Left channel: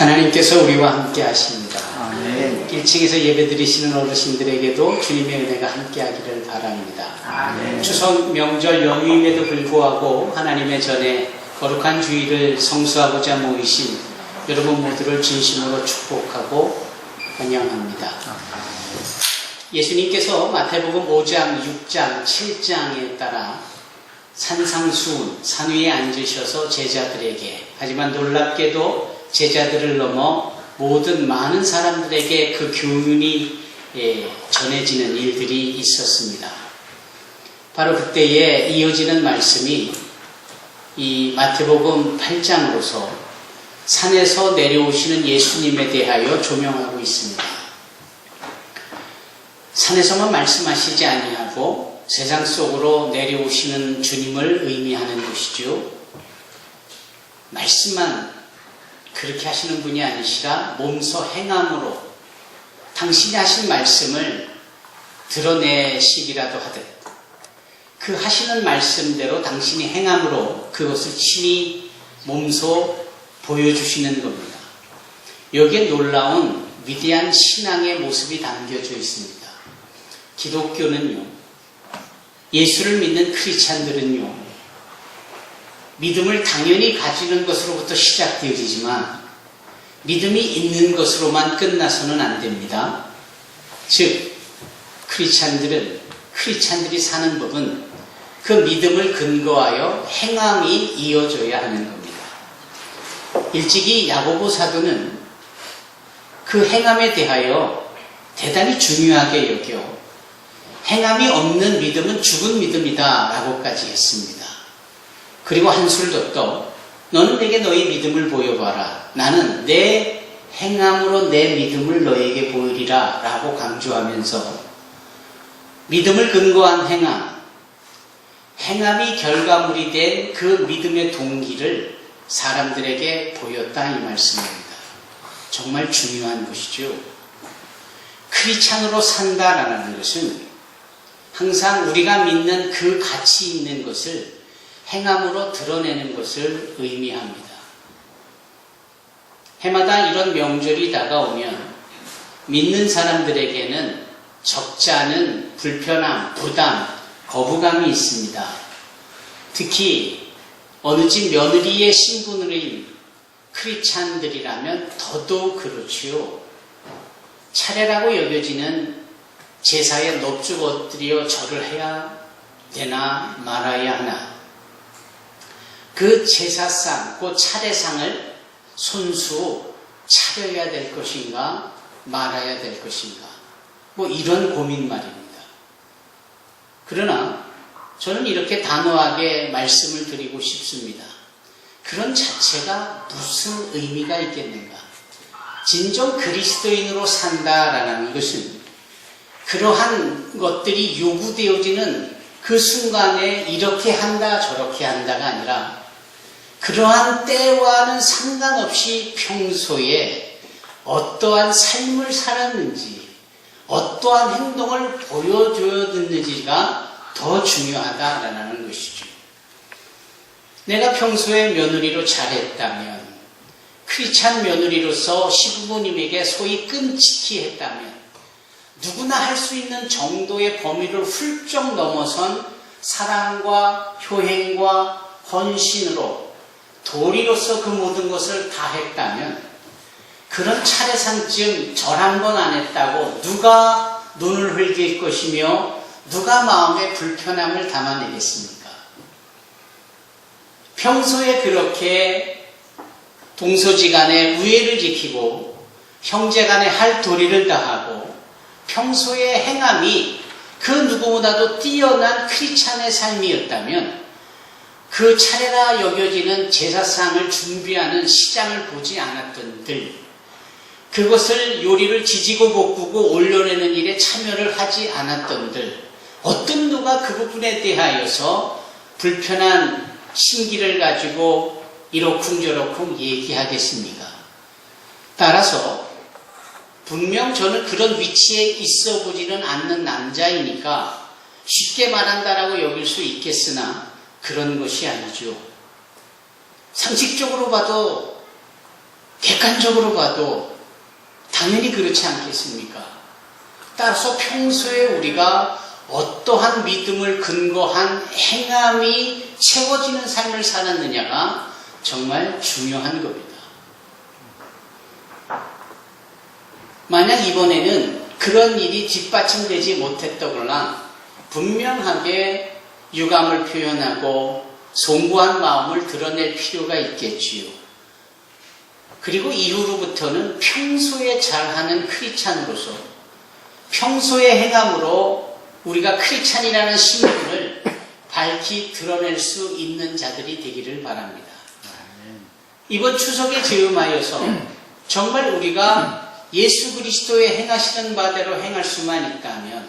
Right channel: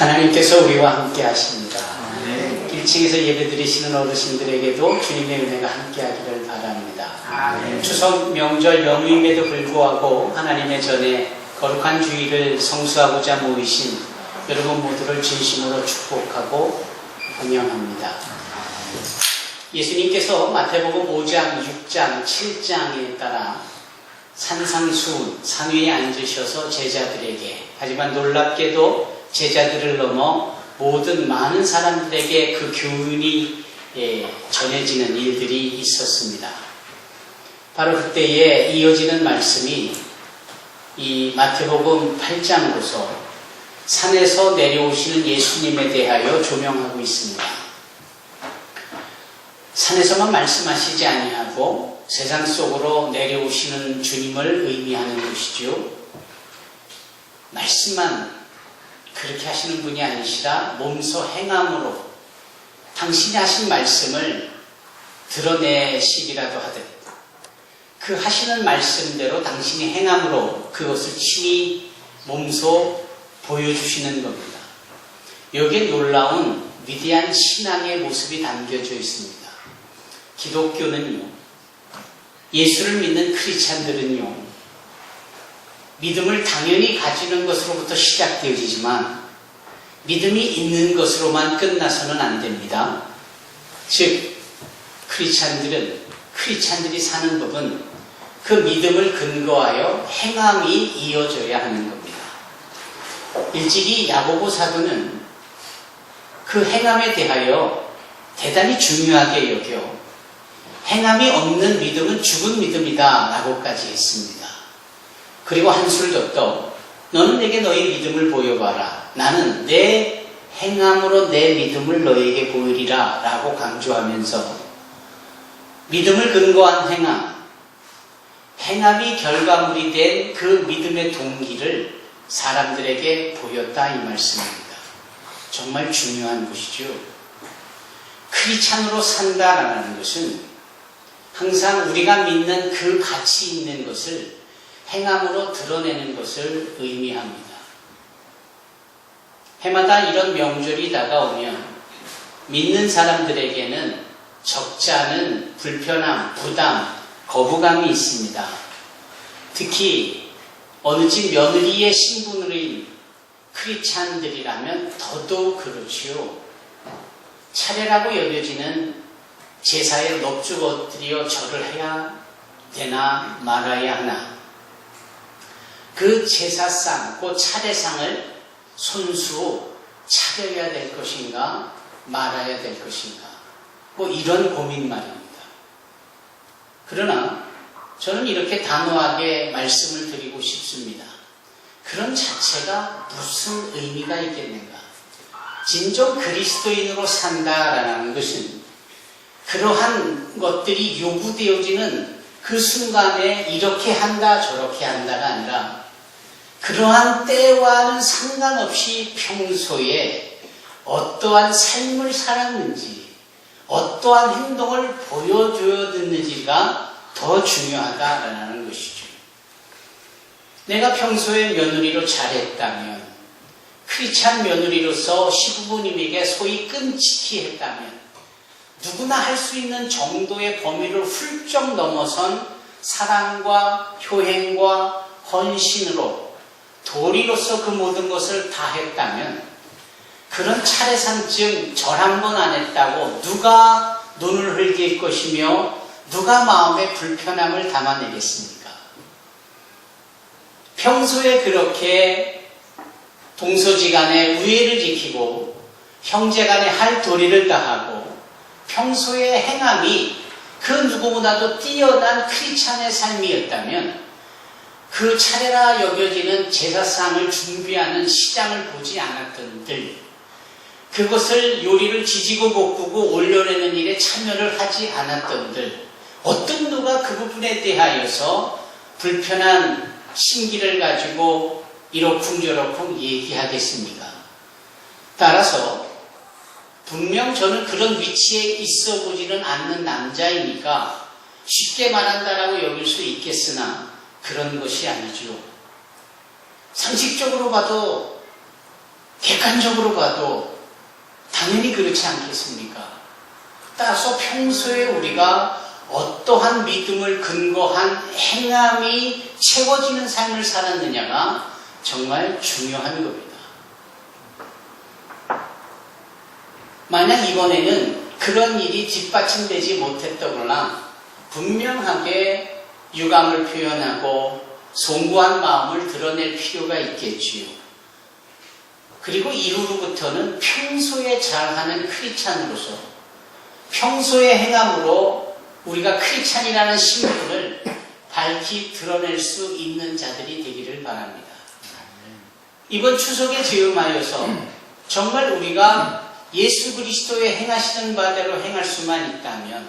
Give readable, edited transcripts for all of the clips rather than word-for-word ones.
하나님께서 우리와 함께 하십니다. 아멘. 1층에서 예배드리시는 어르신들에게도 주님의 은혜가 함께 하기를 바랍니다. 아멘. 추석 명절 연휴임에도 불구하고 하나님의 전에 거룩한 주일을 성수하고자 모이신 여러분 모두를 진심으로 축복하고 환영합니다. 예수님께서 마태복음 5장, 6장, 7장에 따라 산상수훈, 산 위에 앉으셔서 제자들에게, 하지만 놀랍게도 제자들을 넘어 모든 많은 사람들에게 그 교훈이 전해지는 일들이 있었습니다. 바로 그때에 이어지는 말씀이 이 마태복음 8장으로서 산에서 내려오시는 예수님에 대하여 조명하고 있습니다. 산에서만 말씀하시지 아니하고 세상 속으로 내려오시는 주님을 의미하는 것이죠. 말씀만 그렇게 하시는 분이 아니시라 몸소 행함으로 당신이 하신 말씀을 드러내시기라도 하듯 그 하시는 말씀대로 당신이 행함으로 그것을 친히 몸소 보여주시는 겁니다. 여기에 놀라운 위대한 신앙의 모습이 담겨져 있습니다. 기독교는요, 예수를 믿는 크리스찬들은요, 믿음을 당연히 가지는 것으로부터 시작되어지지만 믿음이 있는 것으로만 끝나서는 안 됩니다. 즉, 크리스찬들이 사는 법은 그 믿음을 근거하여 행함이 이어져야 하는 겁니다. 일찍이 야고보 사도는 그 행함에 대하여 대단히 중요하게 여겨 행함이 없는 믿음은 죽은 믿음이다 라고까지 했습니다. 그리고 한술 더 너는 내게 너의 믿음을 보여봐라. 나는 내 행함으로 내 믿음을 너에게 보이리라 라고 강조하면서 믿음을 근거한 행함이 결과물이 된 그 믿음의 동기를 사람들에게 보였다 이 말씀입니다. 정말 중요한 것이죠. 크리스찬으로 산다라는 것은 항상 우리가 믿는 그 가치 있는 것을 행함으로 드러내는 것을 의미합니다. 해마다 이런 명절이 다가오면 믿는 사람들에게는 적지 않은 불편함, 부담, 거부감이 있습니다. 특히 어느 집 며느리의 신분으로인 크리스찬들이라면 더더욱 그렇지요. 차례라고 여겨지는 제사에 넙죽 엎드려 절을 해야 되나 말아야 하나, 그 제사상, 그 차례상을 손수 차려야 될 것인가 말아야 될 것인가, 뭐 이런 고민 말입니다. 그러나 저는 이렇게 단호하게 말씀을 드리고 싶습니다. 그런 자체가 무슨 의미가 있겠는가? 진정 그리스도인으로 산다라는 것은 그러한 것들이 요구되어지는 그 순간에 이렇게 한다 저렇게 한다가 아니라 그러한 때와는 상관없이 평소에 어떠한 삶을 살았는지 어떠한 행동을 보여줘야 됐는지가 더 중요하다라는 것이죠. 내가 평소에 며느리로 잘했다면, 크리스찬 며느리로서 시부모님에게 소위 끔찍히 했다면, 누구나 할 수 있는 정도의 범위를 훌쩍 넘어선 사랑과 효행과 헌신으로 도리로서 그 모든 것을 다 했다면 그런 차례상쯤 절 한 번 안 했다고 누가 눈을 흘길 것이며 누가 마음에 불편함을 담아내겠습니까? 평소에 그렇게 동서지간에 우애를 지키고 형제간에 할 도리를 다하고 평소의 행함이 그 누구보다도 뛰어난 크리스찬의 삶이었다면 그 차례라 여겨지는 제사상을 준비하는 시장을 보지 않았던 들, 그것을 요리를 지지고 볶고 올려내는 일에 참여를 하지 않았던 들, 어떤 누가 그 부분에 대하여서 불편한 심기를 가지고 이러쿵저러쿵 얘기하겠습니까? 따라서 분명 저는 그런 위치에 있어 보지는 않는 남자이니까 쉽게 말한다라고 여길 수 있겠으나 그런 것이 아니죠. 상식적으로 봐도 객관적으로 봐도 당연히 그렇지 않겠습니까? 따라서 평소에 우리가 어떠한 믿음을 근거한 행함이 채워지는 삶을 살았느냐가 정말 중요한 겁니다. 만약 이번에는 그런 일이 뒷받침되지 못했다거나 분명하게 유감을 표현하고 송구한 마음을 드러낼 필요가 있겠지요. 그리고 이후로부터는 평소에 잘하는 크리스찬으로서 평소의 행함으로 우리가 크리스찬이라는 신분을 밝히 드러낼 수 있는 자들이 되기를 바랍니다. 이번 추석에 즈음하여서 정말 우리가 예수 그리스도의 행하시는 바대로 행할 수만 있다면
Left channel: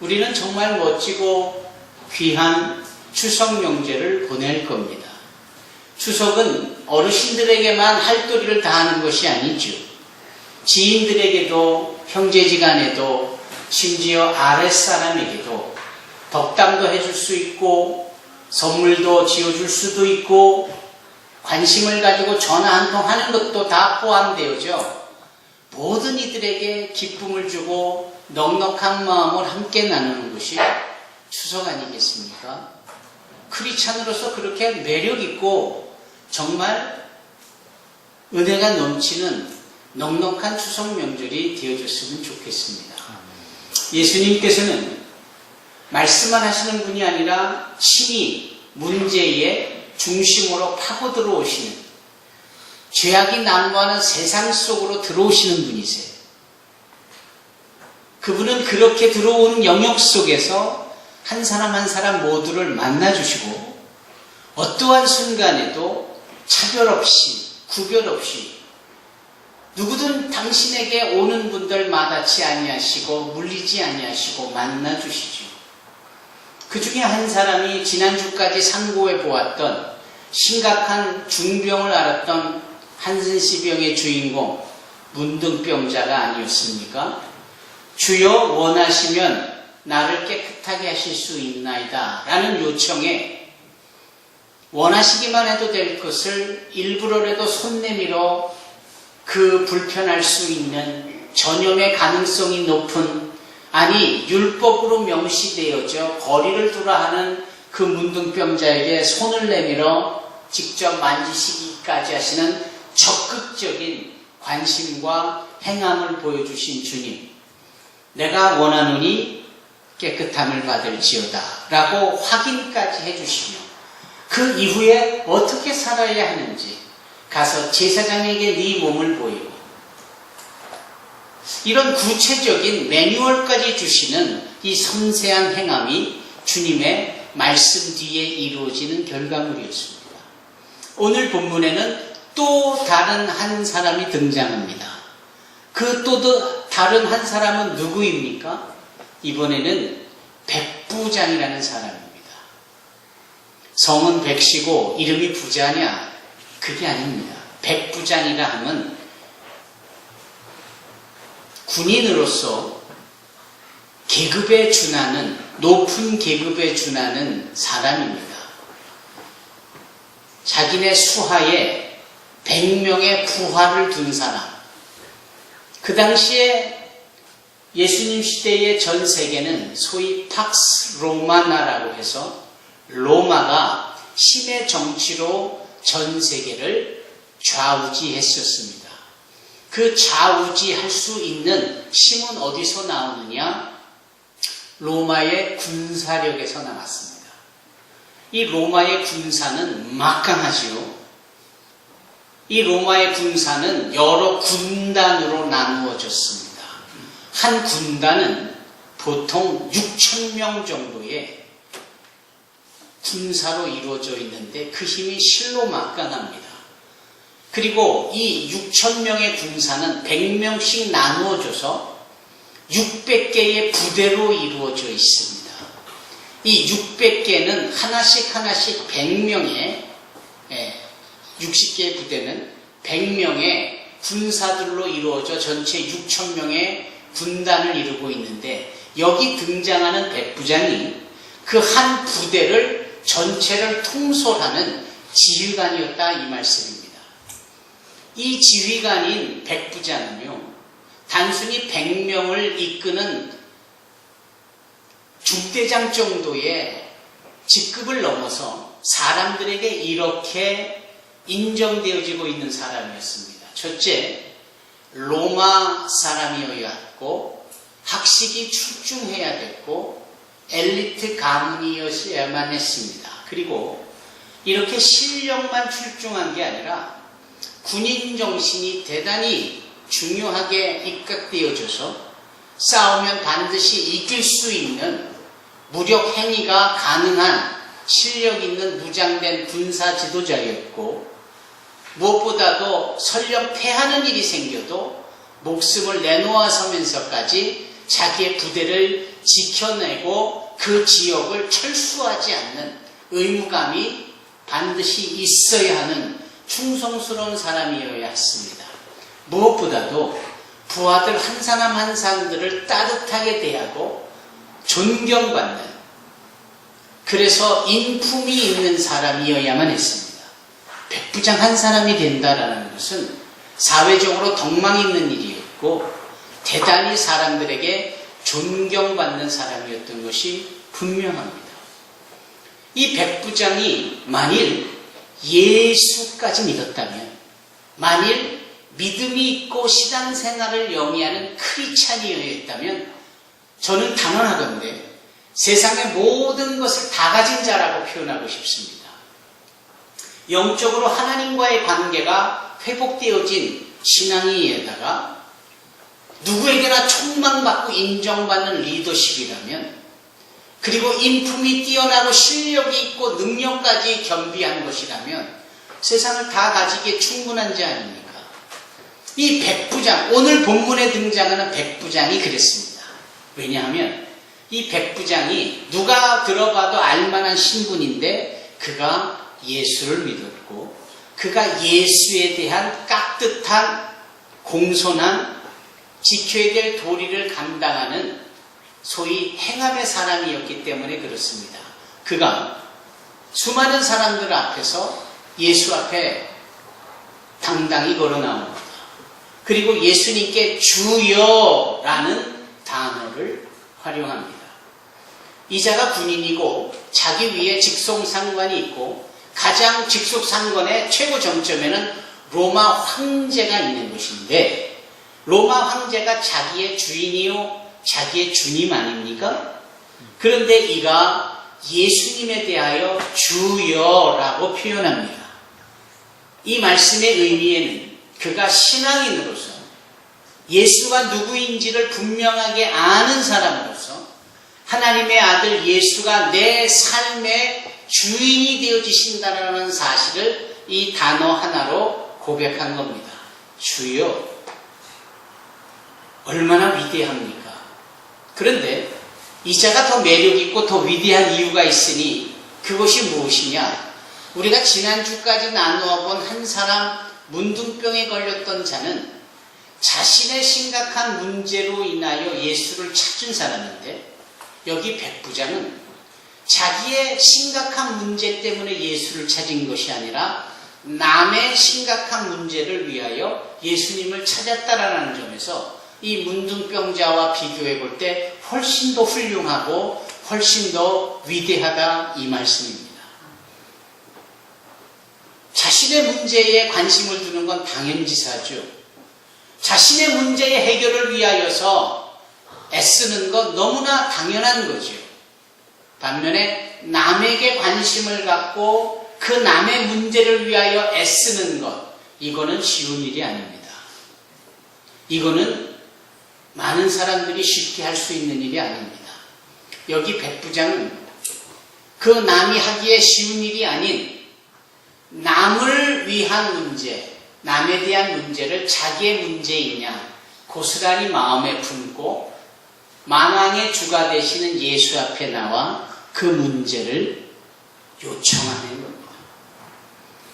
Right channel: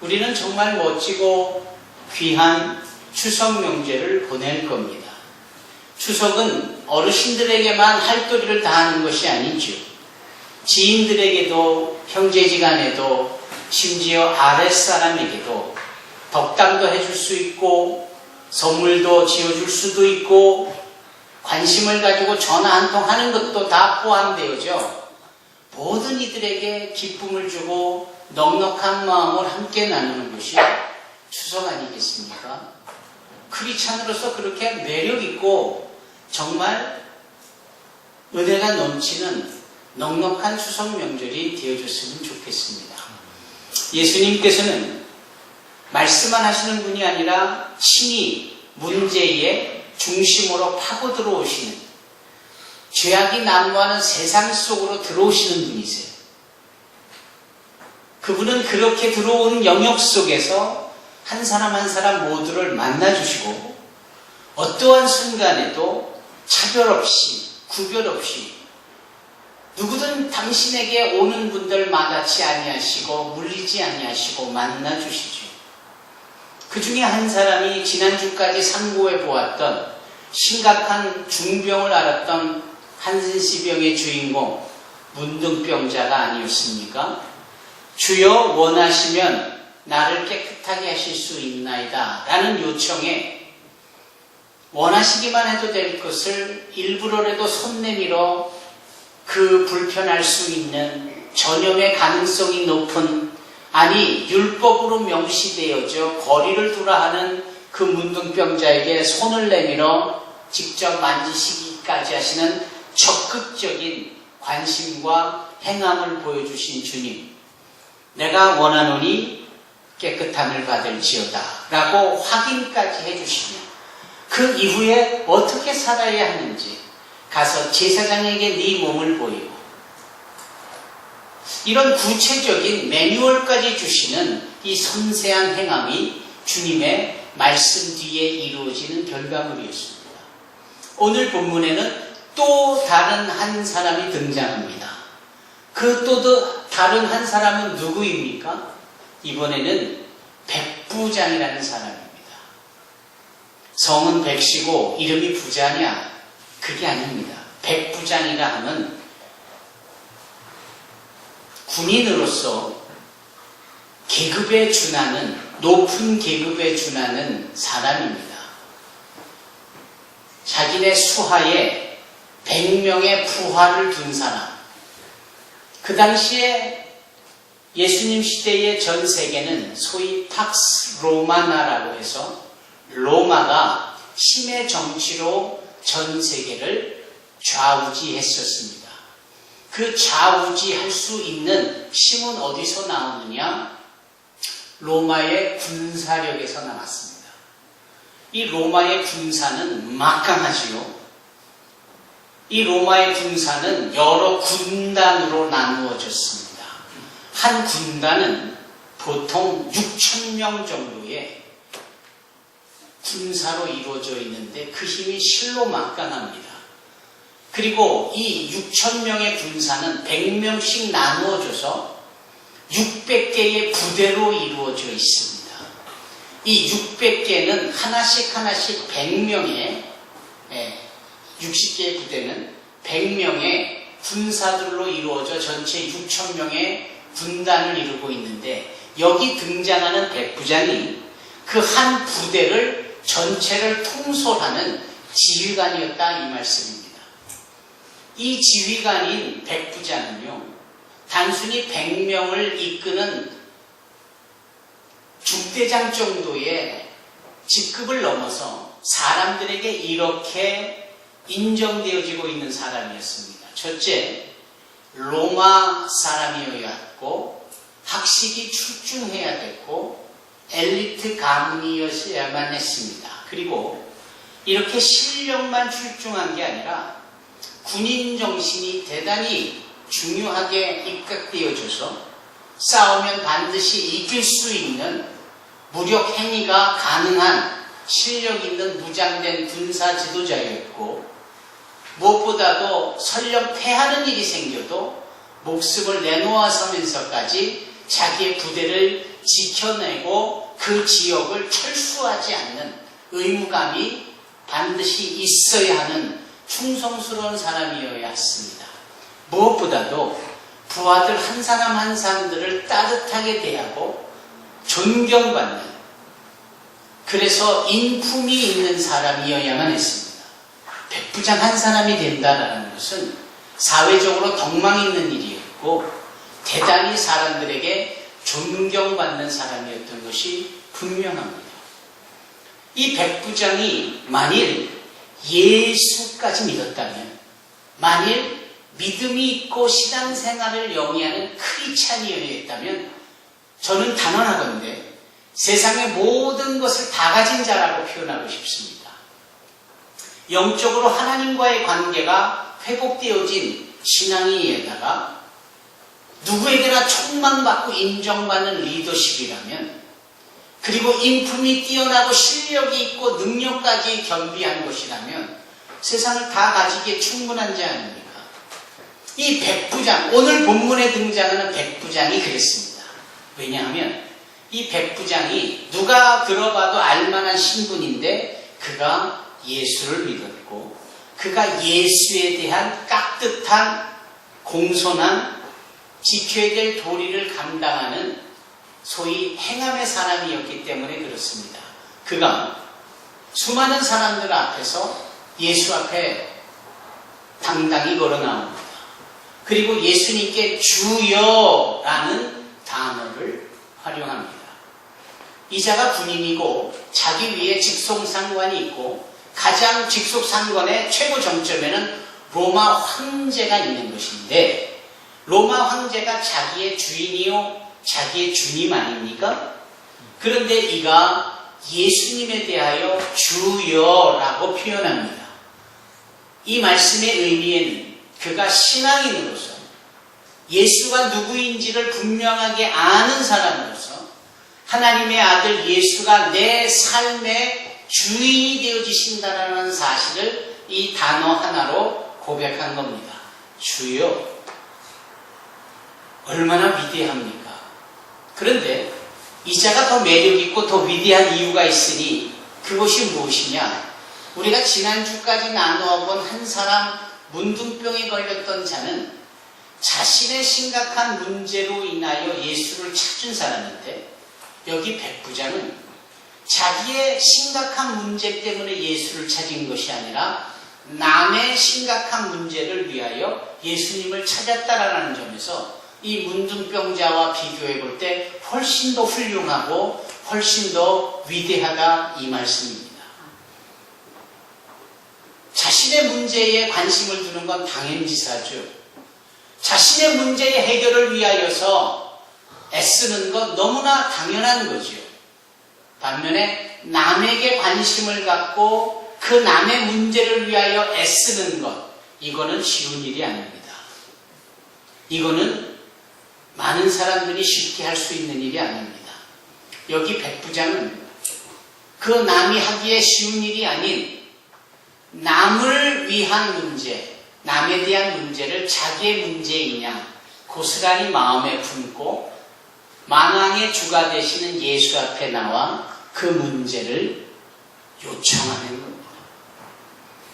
우리는 정말 멋지고 귀한 추석 명제를 보낼 겁니다. 추석은 어르신들에게만 할도리를 다하는 것이 아니죠. 지인들에게도 형제지간에도 심지어 아랫사람에게도 덕담도 해줄 수 있고 선물도 지어줄 수도 있고 관심을 가지고 전화 한 통 하는 것도 다 포함되어져 모든 이들에게 기쁨을 주고 넉넉한 마음을 함께 나누는 것이 추석 아니겠습니까? 크리스찬으로서 그렇게 매력있고 정말 은혜가 넘치는 넉넉한 추석 명절이 되어줬으면 좋겠습니다. 예수님께서는 말씀만 하시는 분이 아니라 친히 문제의 중심으로 파고들어 오시는 죄악이 난무하는 세상 속으로 들어오시는 분이세요. 그분은 그렇게 들어오는 영역 속에서 한 사람 한 사람 모두를 만나주시고 어떠한 순간에도 차별 없이 구별 없이 누구든 당신에게 오는 분들 마다치 아니하시고 물리지 아니하시고 만나주시죠. 그 중에 한 사람이 지난주까지 상고해 보았던 심각한 중병을 앓았던 한센시병의 주인공 문둥병자가 아니었습니까? 주여 원하시면 나를 깨끗하게 하실 수 있나이다 라는 요청에 원하시기만 해도 될 것을 일부러라도 손 내밀어 그 불편할 수 있는 전염의 가능성이 높은 아니 율법으로 명시되어져 거리를 두라 하는 그 문둥병자에게 손을 내밀어 직접 만지시기까지 하시는 적극적인 관심과 행함을 보여주신 주님, 내가 원하노니 깨끗함을 받을지어다 라고 확인까지 해주시며 그 이후에 어떻게 살아야 하는지 가서 제사장에게 네 몸을 보이고 이런 구체적인 매뉴얼까지 주시는 이 섬세한 행함이 주님의 말씀 뒤에 이루어지는 결과물이었습니다. 오늘 본문에는 또 다른 한 사람이 등장합니다. 그 또 다른 한 사람은 누구입니까? 이번에는 백부장이라는 사람입니다. 성은 백시고 이름이 부자냐? 그게 아닙니다. 백부장이라 하면 군인으로서 계급에 준하는 높은 계급에 준하는 사람입니다. 자기네 수하에 100명의 부하를 둔 사람. 그 당시에 예수님 시대의 전 세계는 소위 팍스 로마나라고 해서 로마가 힘의 정치로 전 세계를 좌우지했었습니다. 그 좌우지할 수 있는 힘은 어디서 나오느냐? 로마의 군사력에서 나왔습니다. 이 로마의 군사는 막강하지요. 이 로마의 군사는 여러 군단으로 나누어졌습니다. 한 군단은 보통 6,000명 정도의 군사로 이루어져 있는데 그 힘이 실로 막강합니다. 그리고 이 6,000명의 군사는 100명씩 나누어져서 600개의 부대로 이루어져 있습니다. 이 600개는 하나씩 100명의 60개의 부대는 100명의 군사들로 이루어져 전체 6,000명의 군단을 이루고 있는데 여기 등장하는 백부장이 그 한 부대를 전체를 통솔하는 지휘관이었다 이 말씀입니다. 이 지휘관인 백부장은요, 단순히 100명을 이끄는 중대장 정도의 직급을 넘어서 사람들에게 이렇게 인정되어지고 있는 사람이었습니다. 첫째, 로마 사람이어야 했고, 학식이 출중해야 됐고, 엘리트 가문이었어야만 했습니다. 그리고 이렇게 실력만 출중한 게 아니라 군인 정신이 대단히 중요하게 입각되어져서 싸우면 반드시 이길 수 있는 무력 행위가 가능한 실력 있는 무장된 군사 지도자였고, 무엇보다도 설령 패하는 일이 생겨도 목숨을 내놓아서면서까지 자기의 부대를 지켜내고 그 지역을 철수하지 않는 의무감이 반드시 있어야 하는 충성스러운 사람이어야 했습니다. 무엇보다도 부하들 한 사람 한 사람들을 따뜻하게 대하고 존경받는, 그래서 인품이 있는 사람이어야만 했습니다. 백부장 한 사람이 된다는 것은 사회적으로 덕망 있는 일이었고 대단히 사람들에게 존경받는 사람이었던 것이 분명합니다. 이 백부장이 만일 예수까지 믿었다면, 만일 믿음이 있고 신앙생활을 영위하는 크리스찬이었다면 저는 단언하건대 세상의 모든 것을 다 가진 자라고 표현하고 싶습니다. 영적으로 하나님과의 관계가 회복되어진 신앙이에다가 누구에게나 촉망받고 인정받는 리더십이라면, 그리고 인품이 뛰어나고 실력이 있고 능력까지 겸비한 것이라면 세상을 다 가지기에 충분한 자 아닙니까? 이 백부장, 오늘 본문에 등장하는 백부장이 그랬습니다. 왜냐하면 이 백부장이 누가 들어봐도 알만한 신분인데 그가 예수를 믿었고 그가 예수에 대한 깍듯한 공손한 지켜야 될 도리를 감당하는 소위 행함의 사람이었기 때문에 그렇습니다. 그가 수많은 사람들 앞에서 예수 앞에 당당히 걸어 나옵니다. 그리고 예수님께 주여라는 단어를 활용합니다. 이자가 군인이고 자기 위에 직속상관이 있고 가장 직속상관의 최고 정점에는 로마 황제가 있는 것인데, 로마 황제가 자기의 주인이요 자기의 주님 아닙니까? 그런데 이가 예수님에 대하여 주여라고 표현합니다. 이 말씀의 의미에는 그가 신앙인으로서 예수가 누구인지를 분명하게 아는 사람으로서 하나님의 아들 예수가 내 삶의 주인이 되어지신다는 사실을 이 단어 하나로 고백한 겁니다. 주여. 얼마나 위대합니까? 그런데 이자가 더 매력있고 더 위대한 이유가 있으니 그것이 무엇이냐? 우리가 지난주까지 나누어 본 한 사람, 문둥병에 걸렸던 자는 자신의 심각한 문제로 인하여 예수를 찾은 사람인데, 여기 백부장은 자기의 심각한 문제 때문에 예수를 찾은 것이 아니라 남의 심각한 문제를 위하여 예수님을 찾았다라는 점에서 이 문둥병자와 비교해 볼 때 훨씬 더 훌륭하고 훨씬 더 위대하다 이 말씀입니다. 자신의 문제에 관심을 두는 건 당연지사죠. 자신의 문제의 해결을 위하여서 애쓰는 건 너무나 당연한 거죠. 반면에 남에게 관심을 갖고 그 남의 문제를 위하여 애쓰는 것, 이거는 쉬운 일이 아닙니다. 이거는 많은 사람들이 쉽게 할 수 있는 일이 아닙니다. 여기 백부장은 그 남이 하기에 쉬운 일이 아닌 남을 위한 문제, 남에 대한 문제를 자기의 문제이냐 고스란히 마음에 품고 만왕의 주가 되시는 예수 앞에 나와 그 문제를 요청하는 겁니다.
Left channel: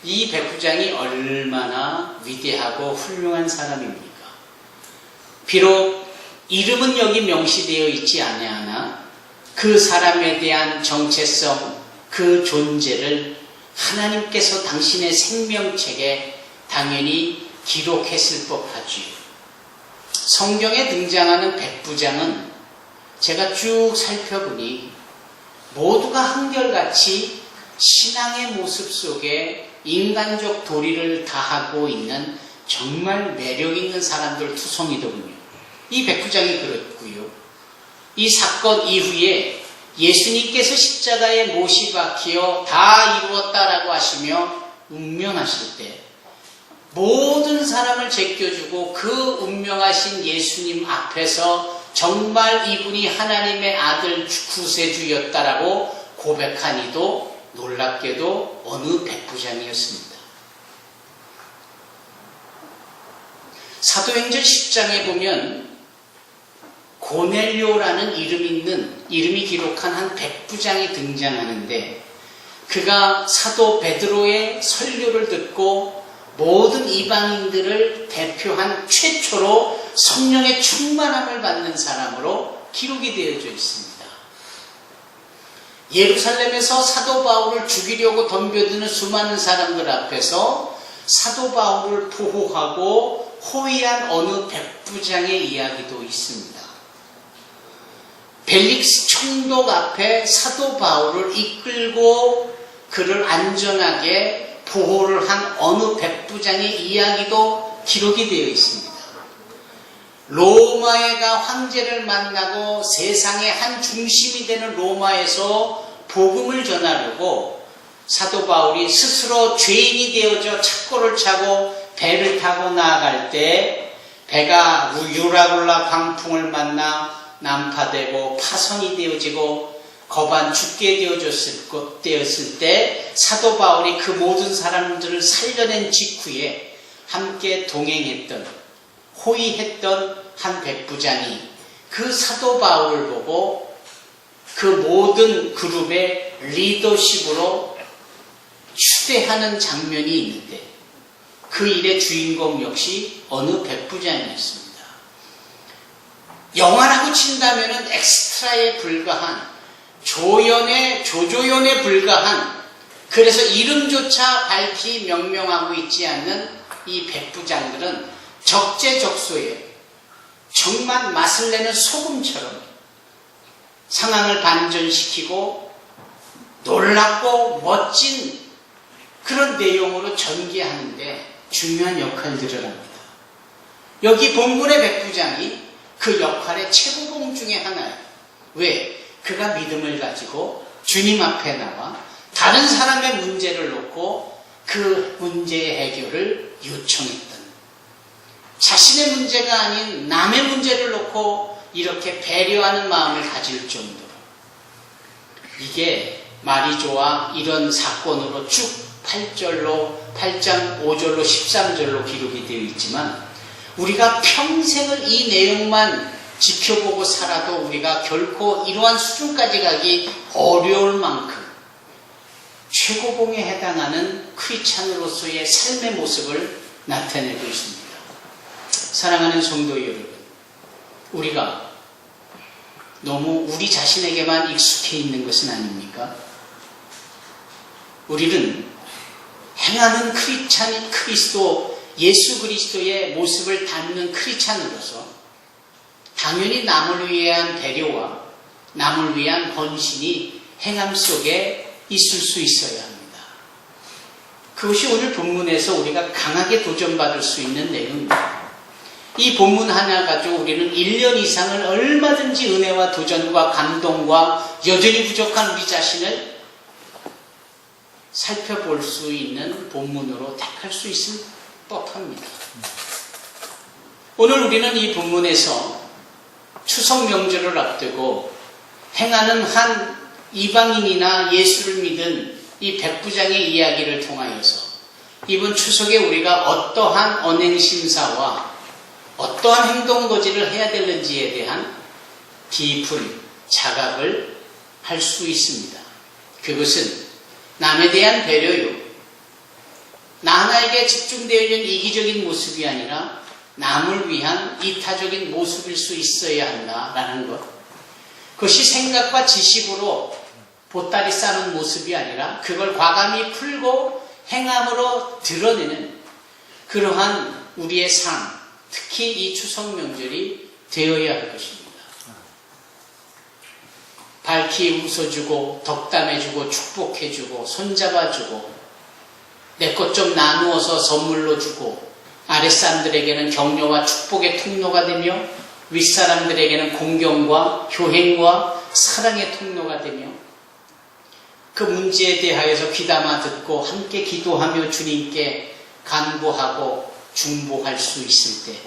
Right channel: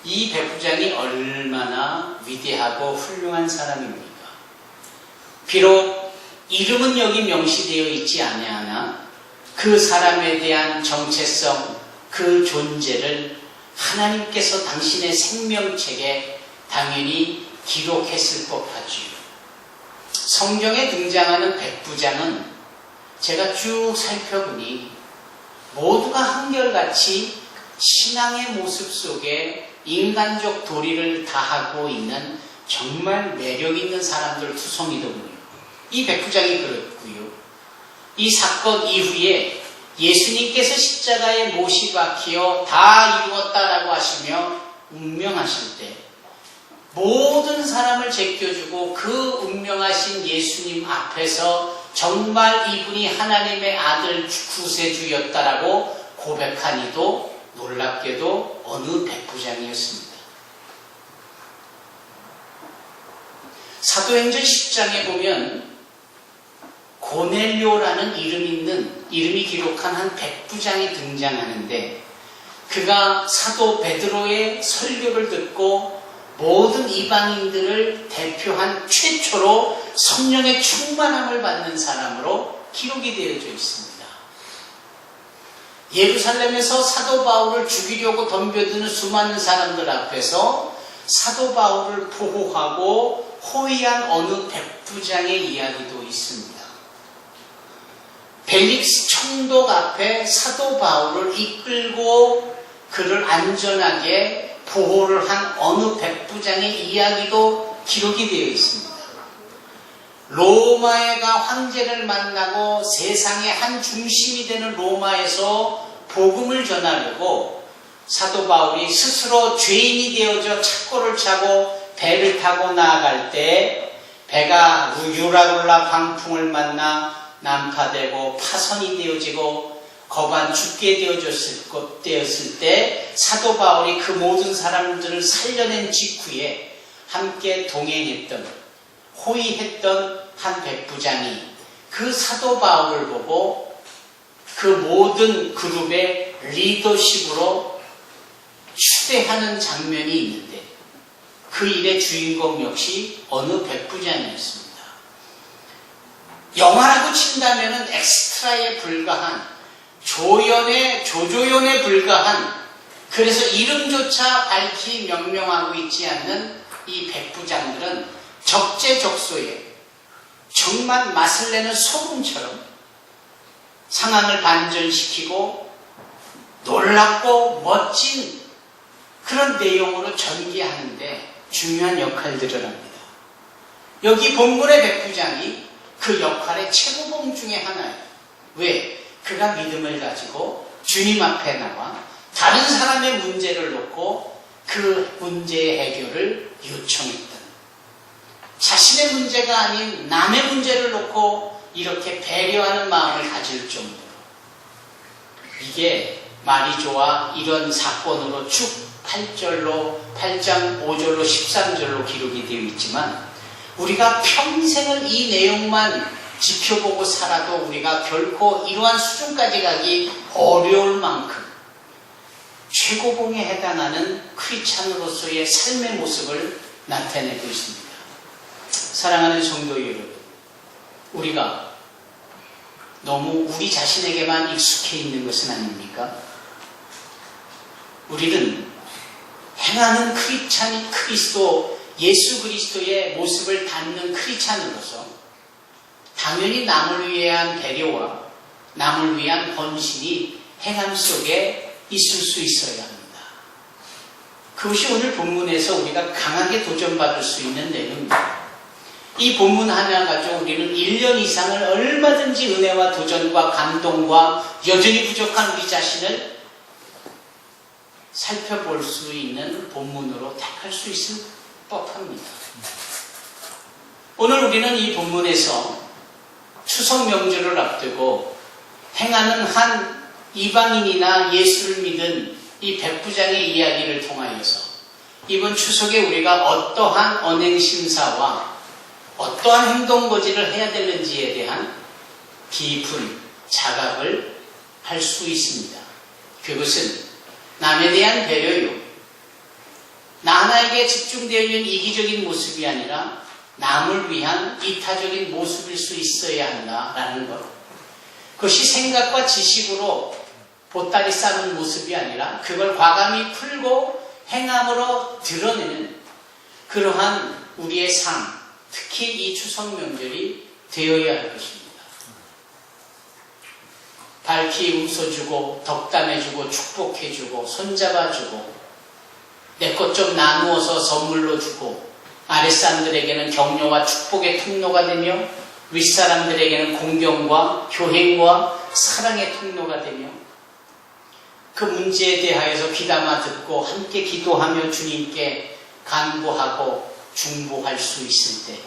이 백부장이 얼마나 위대하고 훌륭한 사람입니까? 비록 이름은 여기 명시되어 있지 아니하나 그 사람에 대한 정체성, 그 존재를 하나님께서 당신의 생명책에 당연히 기록했을 법하지요. 성경에 등장하는 백부장은 제가 쭉 살펴보니 모두가 한결같이 신앙의 모습 속에 인간적 도리를 다하고 있는 정말 매력 있는 사람들 투성이더군요. 이 백부장이 그렇고요. 이 사건 이후에 예수님께서 십자가에 못이 박히어 다 이루었다라고 하시며 운명하실 때 모든 사람을 제껴주고 그 운명하신 예수님 앞에서 정말 이분이 하나님의 아들 구세주였다라고 고백하니도 놀랍게도 어느 백부장이었습니다. 사도행전 10장에 보면 고넬료라는 이름이 기록한 한 백부장이 등장하는데 그가 사도 베드로의 설교를 듣고 모든 이방인들을 대표한 최초로 성령의 충만함을 받는 사람으로 기록이 되어져 있습니다. 예루살렘에서 사도 바울을 죽이려고 덤벼드는 수많은 사람들 앞에서 사도 바울을 보호하고 호위한 어느 백부장의 이야기도 있습니다. 벨릭스 총독 앞에 사도 바울을 이끌고 그를 안전하게 보호를 한 어느 백부장의 이야기도 기록이 되어 있습니다. 로마가 황제를 만나고 세상의 한 중심이 되는 로마에서 복음을 전하려고 사도 바울이 스스로 죄인이 되어져 착고를 차고 배를 타고 나아갈 때 배가 유라굴라 광풍을 만나 난파되고 파손이 되어지고 거반 죽게 되었을 때 사도 바울이 그 모든 사람들을 살려낸 직후에 함께 동행했던 호위했던 한 백부장이 그 사도 바울을 보고 그 모든 그룹의 리더십으로 추대하는 장면이 있는데 그 일의 주인공 역시 어느 백부장이었습니다. 영화라고 친다면 엑스트라에 불과한 조조연에 불과한 그래서 이름조차 밝히 명명하고 있지 않는 이 백부장들은 적재적소에 정말 맛을 내는 소금처럼 상황을 반전시키고 놀랍고 멋진 그런 내용으로 전개하는데 중요한 역할들을 합니다. 여기 본문의 백부장이 그 역할의 최고봉 중에 하나예요. 왜? 그가 믿음을 가지고 주님 앞에 나와 다른 사람의 문제를 놓고 그 문제의 해결을 요청했던 자신의 문제가 아닌 남의 문제를 놓고 이렇게 배려하는 마음을 가질 정도로 이게 마리조와 이런 사건으로 쭉 8장 5절로 13절로 기록이 되어 있지만 우리가 평생을 이 내용만 지켜보고 살아도 우리가 결코 이러한 수준까지 가기 어려울 만큼 최고봉에 해당하는 크리스찬으로서의 삶의 모습을 나타내고 있습니다. 사랑하는 성도 여러분, 우리가 너무 우리 자신에게만 익숙해 있는 것은 아닙니까? 우리는 행하는 그리스도 예수 그리스도의 모습을 담는 크리스찬으로서 당연히 남을 위한 배려와 남을 위한 헌신이 행함 속에 있을 수 있어야 합니다. 그것이 오늘 본문에서 우리가 강하게 도전받을 수 있는 내용입니다. 이 본문 하나 가지고 우리는 1년 이상을 얼마든지 은혜와 도전과 감동과 여전히 부족한 우리 자신을 살펴볼 수 있는 본문으로 택할 수 있을 법합니다. 오늘 우리는 이 본문에서 추석 명절을 앞두고 행하는 한 이방인이나 예수를 믿은 이 백부장의 이야기를 통하여서 이번 추석에 우리가 어떠한 언행심사와 어떠한 행동거지를 해야 되는지에 대한 깊은 자각을 할 수 있습니다. 그것은 남에 대한 배려요. 나 하나에게 집중되어 있는 이기적인 모습이 아니라 남을 위한 이타적인 모습일 수 있어야 한다라는 것. 그것이 생각과 지식으로 보따리 싸는 모습이 아니라 그걸 과감히 풀고 행함으로 드러내는 그러한 우리의 삶, 특히 이 추석 명절이 되어야 할 것입니다. 밝히 웃어주고 덕담해주고 축복해주고 손잡아주고 내 것 좀 나누어서 선물로 주고 아랫사람들에게는 격려와 축복의 통로가 되며 윗사람들에게는 공경과 교행과 사랑의 통로가 되며 그 문제에 대하여서 귀담아 듣고 함께 기도하며 주님께 간구하고 중보할 수 있을 때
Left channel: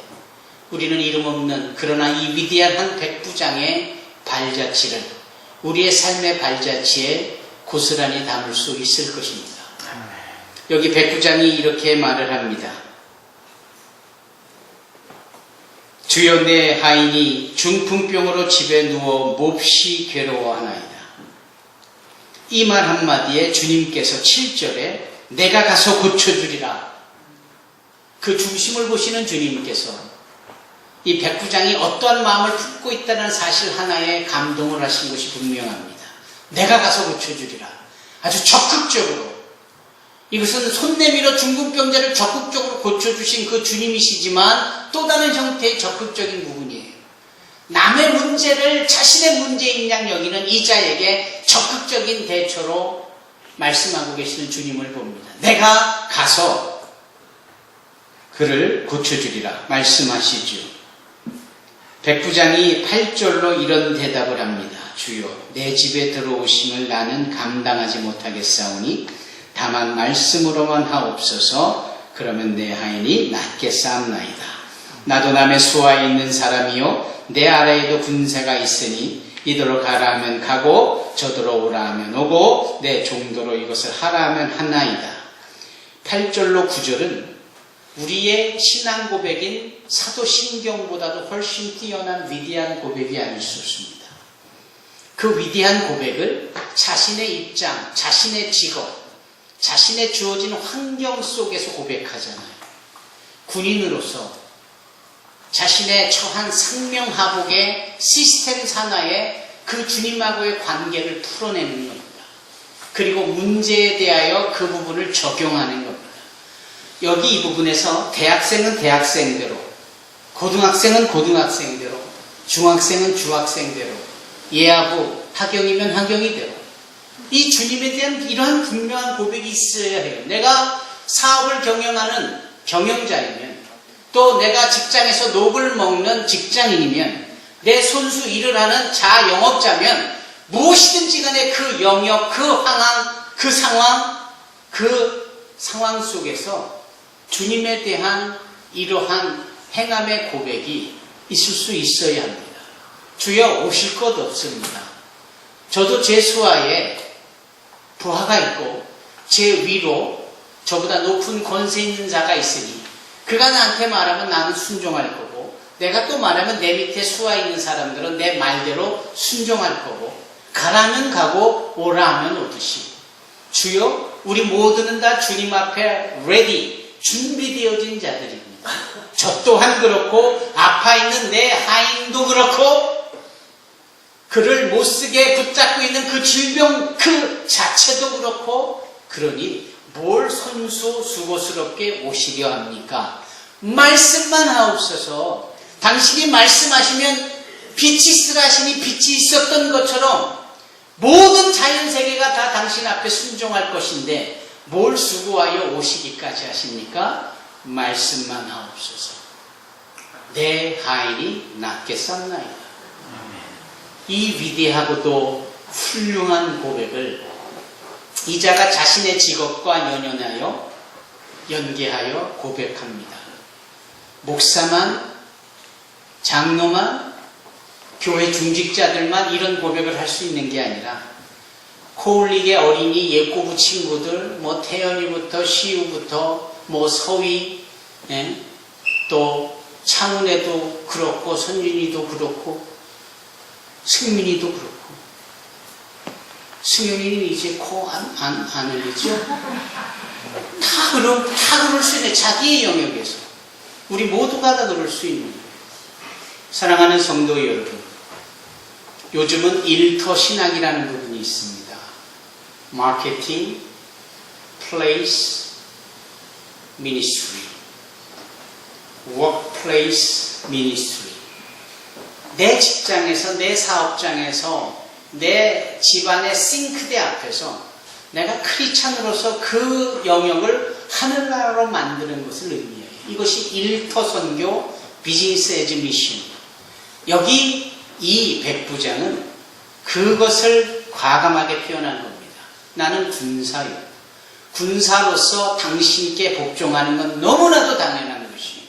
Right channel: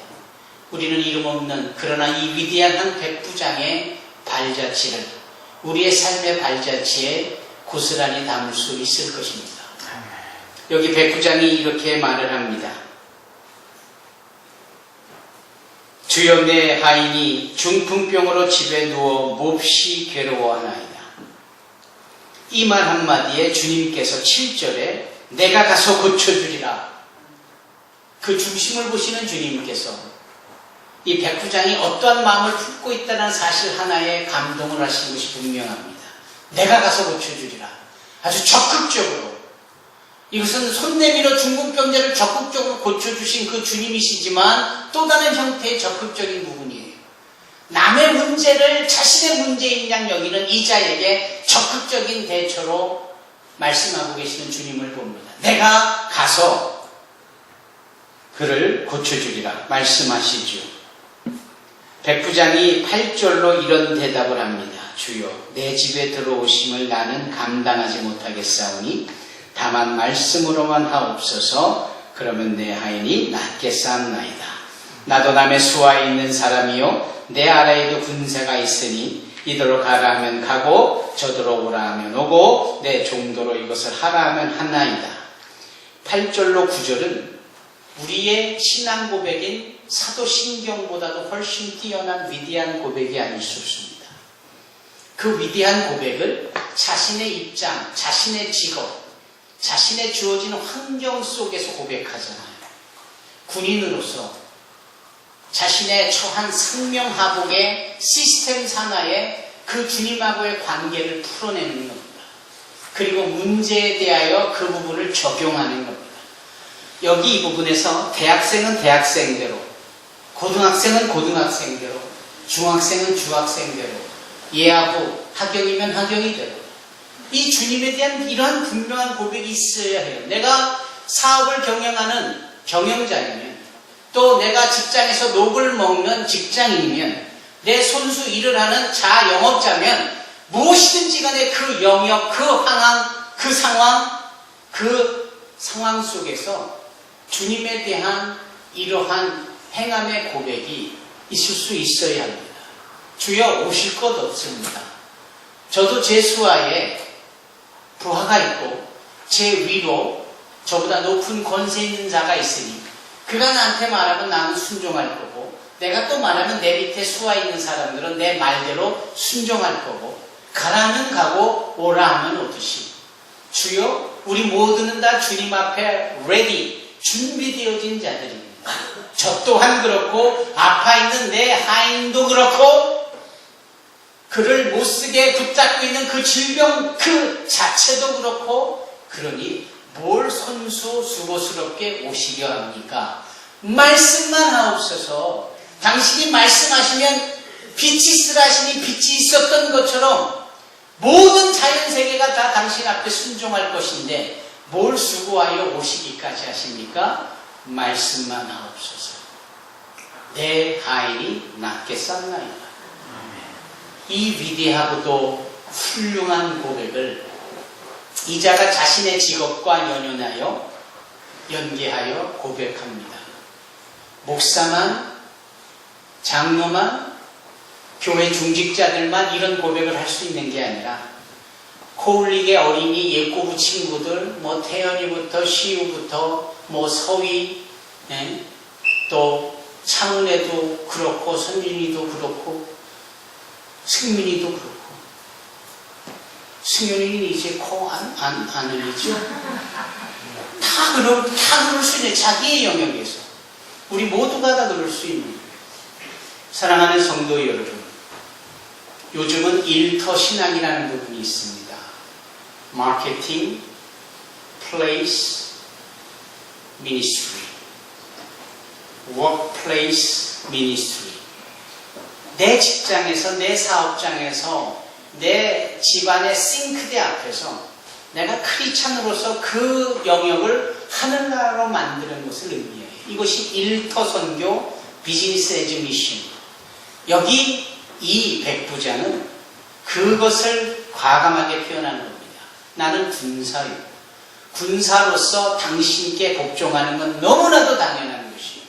우리는 이름 없는 그러나 이 위대한 한 백부장의 발자취를 우리의 삶의 발자취에 고스란히 담을 수 있을 것입니다. 여기 백부장이 이렇게 말을 합니다. 주여 내 하인이 중풍병으로 집에 누워 몹시 괴로워하나이다. 이 말 한마디에 주님께서 7절에 내가 가서 고쳐주리라. 그 중심을 보시는 주님께서 이 백부장이 어떠한 마음을 품고 있다는 사실 하나에 감동을 하신 것이 분명합니다. 내가 가서 고쳐주리라. 아주 적극적으로. 이것은 손 내밀어 중풍병자를 적극적으로 고쳐주신 그 주님이시지만 또 다른 형태의 적극적인 부분이에요. 남의 문제를 자신의 문제인 양 여기는 이 자에게 적극적인 대처로 말씀하고 계시는 주님을 봅니다. 내가 가서 그를 고쳐주리라 말씀하시죠. 백부장이 8절로 이런 대답을 합니다. 주여 내 집에 들어오심을 나는 감당하지 못하겠사오니 다만 말씀으로만 하옵소서. 그러면 내 하인이 낫겠사옵나이다. 나도 남의 수하에 있는 사람이요 내 아래에도 군사가 있으니 이더러 가라 하면 가고 저더러 오라 하면 오고 내 종도로 이것을 하라 하면 하나이다. 8절로 9절은 우리의 신앙 고백인 사도신경보다도 훨씬 뛰어난 위대한 고백이 아닐 수 없습니다. 그 위대한 고백을 자신의 입장, 자신의 직업, 자신의 주어진 환경 속에서 고백하잖아요. 군인으로서 자신의 처한 상명하복의 시스템 산하에 그 주님하고의 관계를 풀어내는 겁니다. 그리고 문제에 대하여 그 부분을 적용하는 겁니다. 여기 이 부분에서 대학생은 대학생대로, 고등학생은 고등학생대로, 중학생은 중학생대로, 예하고 학경이면 학경이대로 이 주님에 대한 이러한 분명한 고백이 있어야 해요. 내가 사업을 경영하는 경영자이면 또 내가 직장에서 녹을 먹는 직장인이면 내 손수 일을 하는 자영업자면 무엇이든지 간에 그 영역, 그 상황, 그 상황 속에서 주님에 대한 이러한 행함의 고백이 있을 수 있어야 합니다. 주여 오실 것 없습니다. 저도 제 수하에 부하가 있고 제 위로 저보다 높은 권세 있는 자가 있으니 그가 나한테 말하면 나는 순종할 거고 내가 또 말하면 내 밑에 수하 있는 사람들은 내 말대로 순종할 거고 가라면 가고 오라 하면 오듯이 주여 우리 모두는 다 주님 앞에 ready 준비되어진 자들입니다. 저 또한 그렇고 아파 있는 내 하인도 그렇고 그를 못쓰게 붙잡고 있는 그 질병 그 자체도 그렇고 그러니 뭘 손수 수고스럽게 오시려 합니까? 말씀만 하옵소서. 당신이 말씀하시면 빛이 있으라시니 빛이 있었던 것처럼 모든 자연세계가 다 당신 앞에 순종할 것인데 뭘 수고하여 오시기까지 하십니까? 말씀만 하옵소서. 내 하인이 낫겠사옵나이다. 이 위대하고도 훌륭한 고백을 이자가 자신의 직업과 연계하여 고백합니다. 목사만, 장로만, 교회 중직자들만 이런 고백을 할 수 있는 게 아니라 코울릭의 어린이 예꼬부 친구들, 태연이부터 시우부터 서위, 또 창훈에도 그렇고 선진이도 그렇고 승민이도 그렇고 승현이는 이제 코 안 흘리죠? 다 그럴 수 있는 자기의 영역에서 우리 모두가 다 그럴 수 있는 거예요. 사랑하는 성도 여러분, 요즘은 일터 신학이라는 부분이 있습니다. 마케팅, 플레이스, 미니스트리. workplace ministry. 내 직장에서, 내 사업장에서, 내 집안의 싱크대 앞에서 내가 크리스찬으로서 그 영역을 하늘나라로 만드는 것을 의미해요. 이것이 일터 선교 비즈니스 에즈 미션. 여기 이 백부자는 그것을 과감하게 표현하는 겁니다. 나는 군사요. 군사로서 당신께 복종하는 건 너무나도 당연한 것이에요.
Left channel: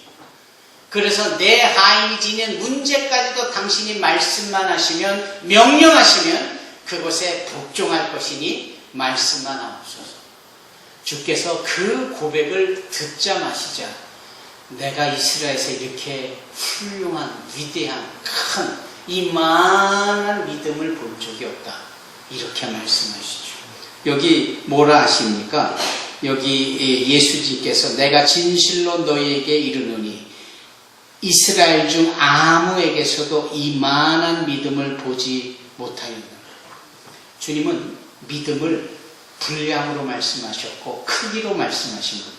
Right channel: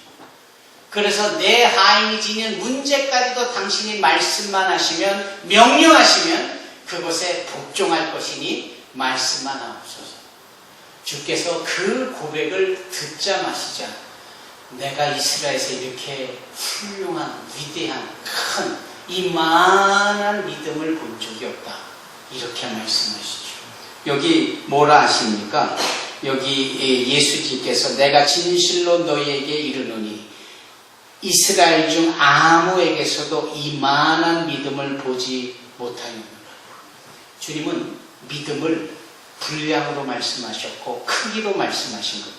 그래서 내 하인이 지닌 문제까지도 당신이 말씀만 하시면, 명령하시면 그것에 복종할 것이니 말씀만 하옵소서. 주께서 그 고백을 듣자마시자 내가 이스라엘에서 이렇게 훌륭한, 위대한, 큰 이만한 믿음을 본 적이 없다. 이렇게 말씀하시죠. 여기 뭐라 하십니까? 여기 예수님께서 내가 진실로 너희에게 이르노니 이스라엘 중 아무에게서도 이만한 믿음을 보지 못하였느니라. 주님은 믿음을 분량으로 말씀하셨고 크기로 말씀하신 겁니다.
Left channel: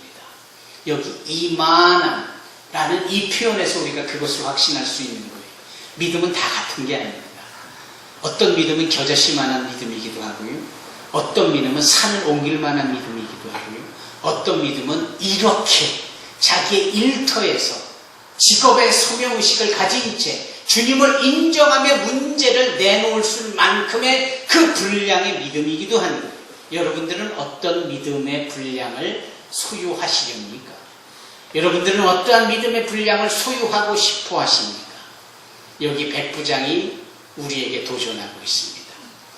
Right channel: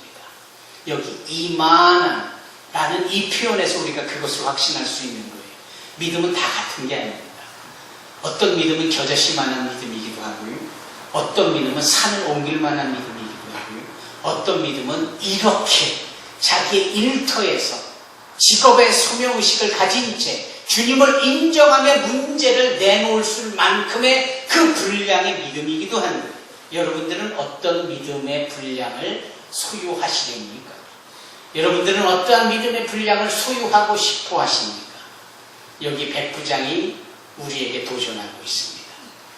여기 이만한 라는 이 표현에서 우리가 그것을 확신할 수 있는 거예요. 믿음은 다 같은 게 아닙니다. 어떤 믿음은 겨자씨만한 믿음이기도 하고요. 어떤 믿음은 산을 옮길 만한 믿음이기도 하고요. 어떤 믿음은 이렇게 자기의 일터에서 직업의 소명의식을 가진 채 주님을 인정하며 문제를 내놓을 만큼의 그 분량의 믿음이기도 하는 거예요. 여러분들은 어떤 믿음의 분량을 소유하시렵니까? 여러분들은 어떠한 믿음의 분량을 소유하고 싶어 하십니까? 여기 백부장이 우리에게 도전하고 있습니다.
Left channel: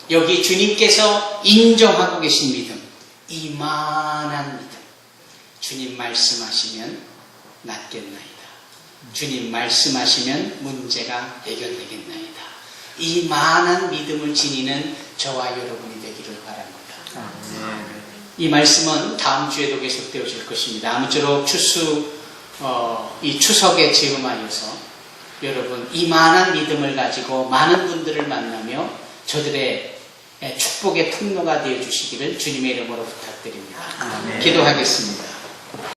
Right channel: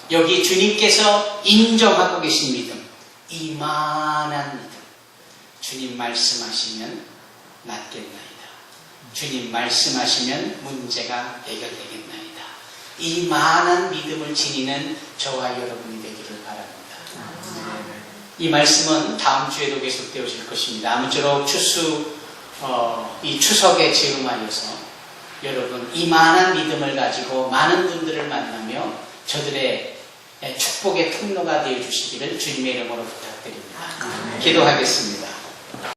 여기 주님께서 인정하고 계신 믿음, 이만한 믿음. 주님 말씀하시면 낫겠나이다. 주님 말씀하시면 문제가 해결되겠나이다. 이만한 믿음을 지니는 저와 여러분이 되기를 바랍니다. 이 말씀은 다음 주에도 계속되어질 것입니다. 아무쪼록 이 추석에 즈음하여서 여러분 이만한 믿음을 가지고 많은 분들을 만나며 저들의 축복의 통로가 되어 주시기를 주님의 이름으로 부탁드립니다. 기도하겠습니다.